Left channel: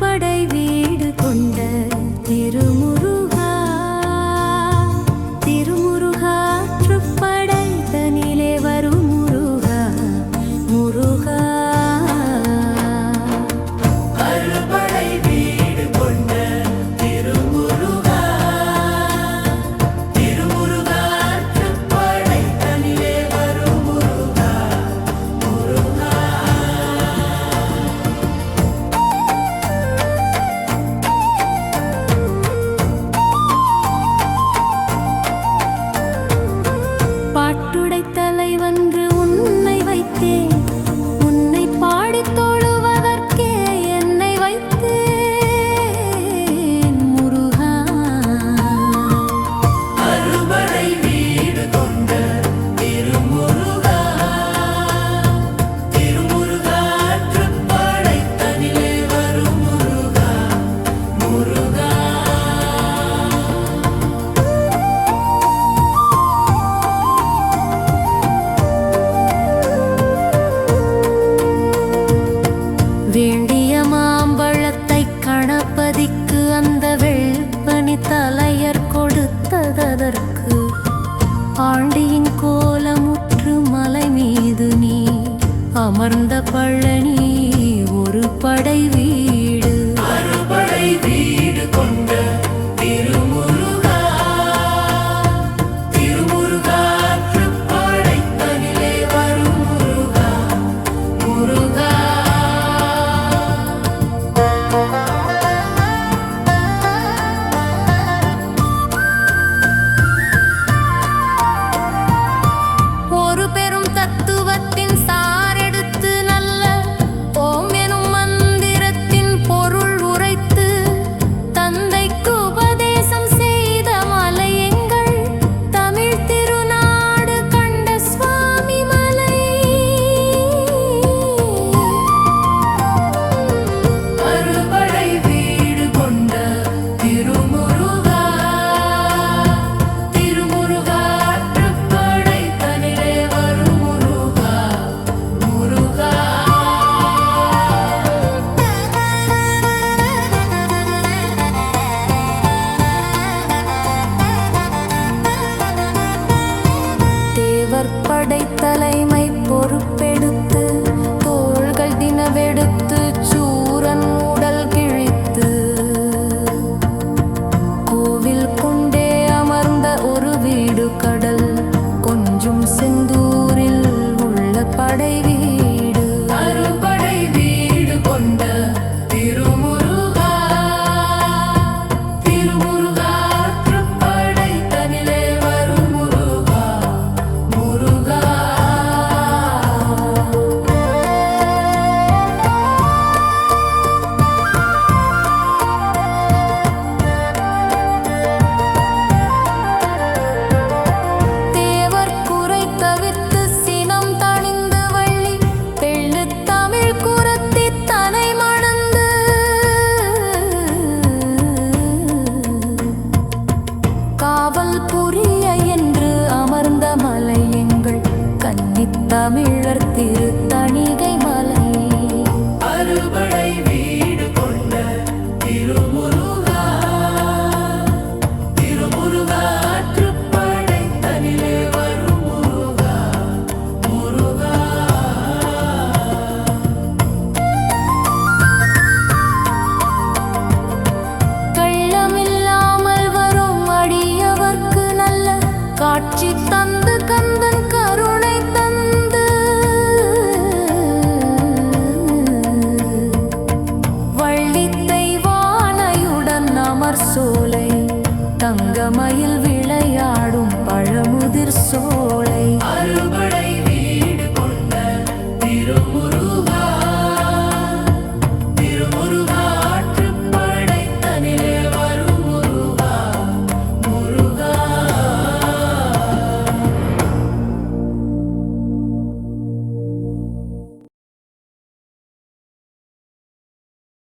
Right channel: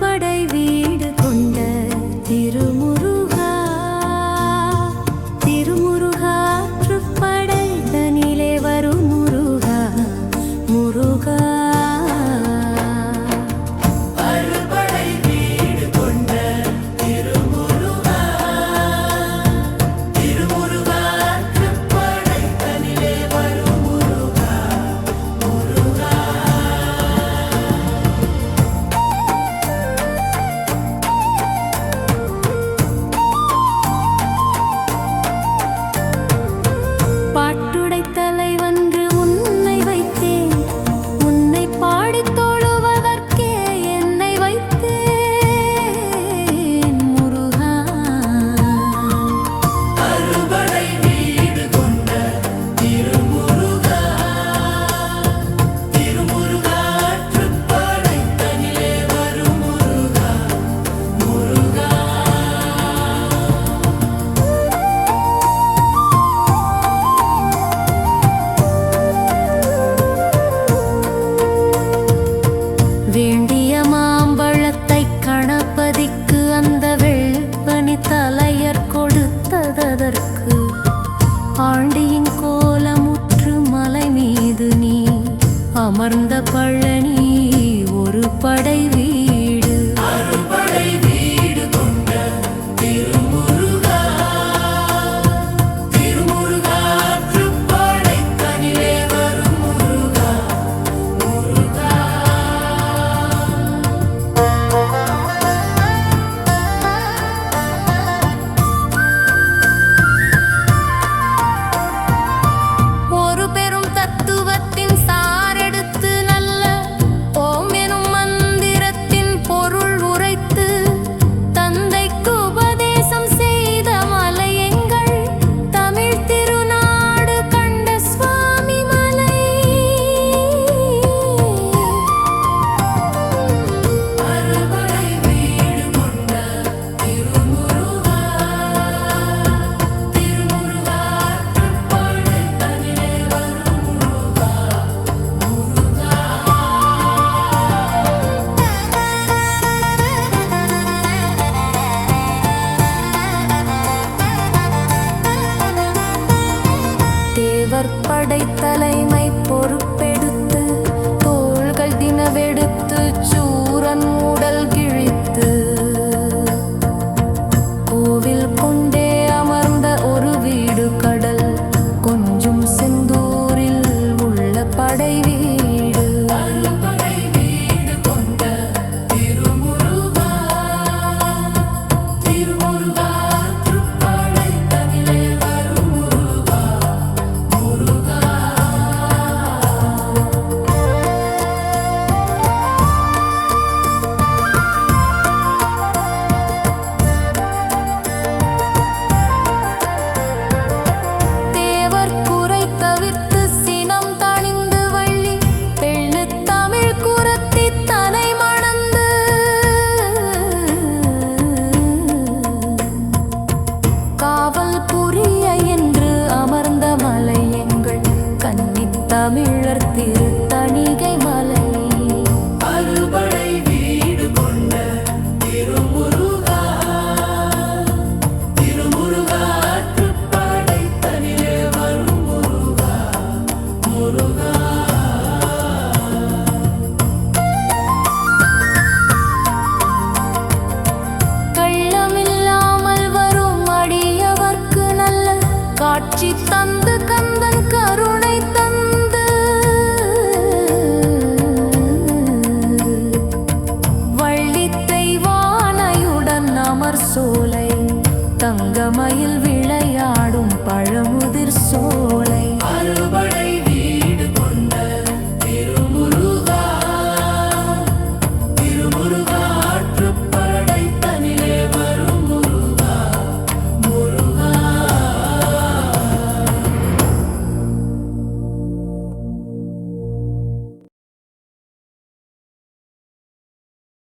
அறுபடை வீடு கொண்ட திருமுருகா, திருமுருகாற்றுப்படை தனிலே வரும் முருகா, முருகா. பாட்டுடை தலைவன்று உன்னை வைத்தேன், உன்னை பாடித் தொழுவதற்கே என்னை வைத்தேன் முருகா. அறுபடை வீடு கொண்ட திருமுருகா, திருமுருகாற்றுப்படை தனிலே வரும் முருகா, முருகா. வேண்டிய மாம்பழத்தை கணபதிக்கு அந்த வெள்பனி தலையர் கொடுத்ததற்கு ஆண்டியின் கோலமுற்று மலை மீது நீ அமர்ந்த பழனி ஒரு படை வீடு. அறுபடை வீடு கொண்ட திருமுருகா, திருமுருகாற்றுப்படை தனிலே வரும் முருகா, முருகா. ஒரு பெரும் தத்துவத்தின் சாரெடுத்து நல்ல ஓம் எனும் மந்திரத்தின் பொருள் உரைத்து தந்தைக்கு உபதேசம் செய்த மலை எங்கள் தமிழ் திருநாடு கண்ட சுவாமி மலை. அறுபடை வீடு கொண்ட திருமுருகா, திருமுருகாற்றுப்படை தனிலே வரும் முருகா, முருகா. தேவர் படை தலைமை பொறுப்பெடுத்து தோள்கள் தினவெடுத்து சூரன் உடல் கிழித்து கோவில் கொண்டே அமர்ந்த ஒரு வீடு கடல் கொஞ்சும் செந்தூரில் உள்ள படை வீடு. அறுபடை வீடு கொண்ட திருமுருகா, திருமுருகாற்றுப்படை தனிலே வரும் முருகா, முருகா. தேவர் குறை தவிர்த்து சினம் தணிந்து வள்ளி தெள்ளு தமிழ் குரத்தி தனை மணந்து காவல் புரிய என்று அமர்ந்த மலை எங்கள் கன்னித் தமிழர் திருத்தணிகை மலை. அறுபடை வீடு கொண்ட திருமுருகா, திருமுருகாற்றுப்படை தனிலே வரும் முருகா, முருகா. கள்ளமில்லாமல் வரும் அடியவர்க்கு நல்ல காட்சி தந்து கந்தன் கருணை தந்து வள்ளி தெய்வானையுடன் அமர் சோலை தங்கமயில் விளையாடும் பழமுதிர் சோலை. அறு